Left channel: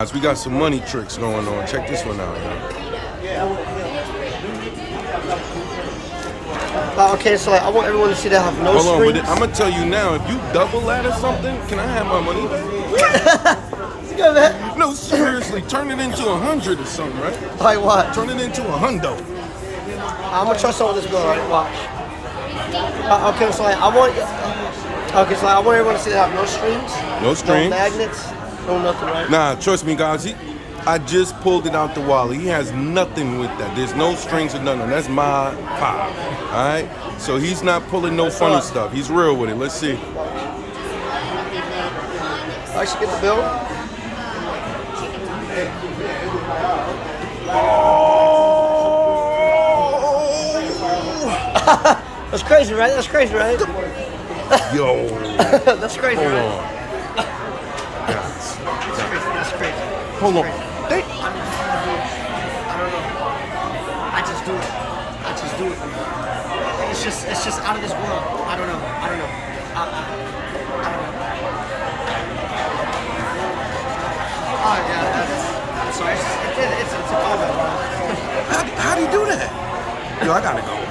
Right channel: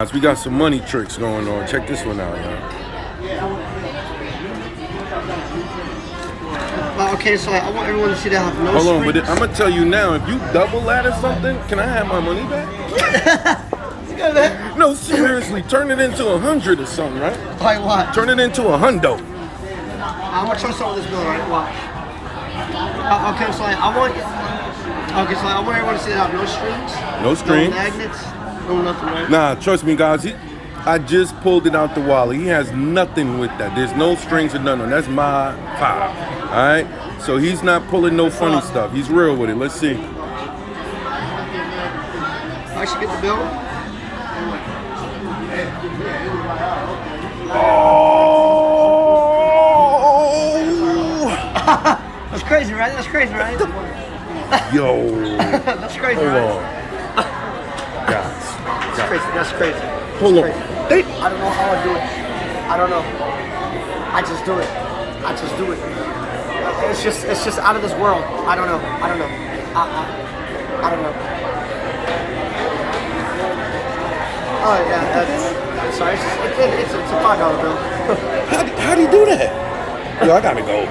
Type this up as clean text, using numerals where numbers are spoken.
We got some money tricks going on. Check this one out, y'all. Okay, so I want everyone to see that I have no Hold on, but strings. I'm gonna tell you now. If you double that or something, can I have my money back? No, seriously, turn it into 100 or something, right? Like what? Turn it into a hundo. I'm gonna try something with this girl, right? Watch. Okay, so I want. Okay, so I want everyone to see that I have no strings. No strings. No magnets. No nothing, right? Nah, trust me, guys. I just pulled it out the wallet. He has nothing with that. There's no strings or nothing. That's my pop. All right. So he's not pulling no funny stuff. He's real with it. Let's see. I should get the bill. Oh! That's crazy, right? That's crazy, right? Yo. That's crazy, Hold right? on. Guys. That's crazy. That's crazy. Hold on. Crazy. I don't know how I do it. I don't know. I just do it. I just do it. It's just out of this world. I don't know. I don't know. I don't know. Oh yeah, I'm sorry. It's a $5 bill. How'd he do that? Yo, I gotta go.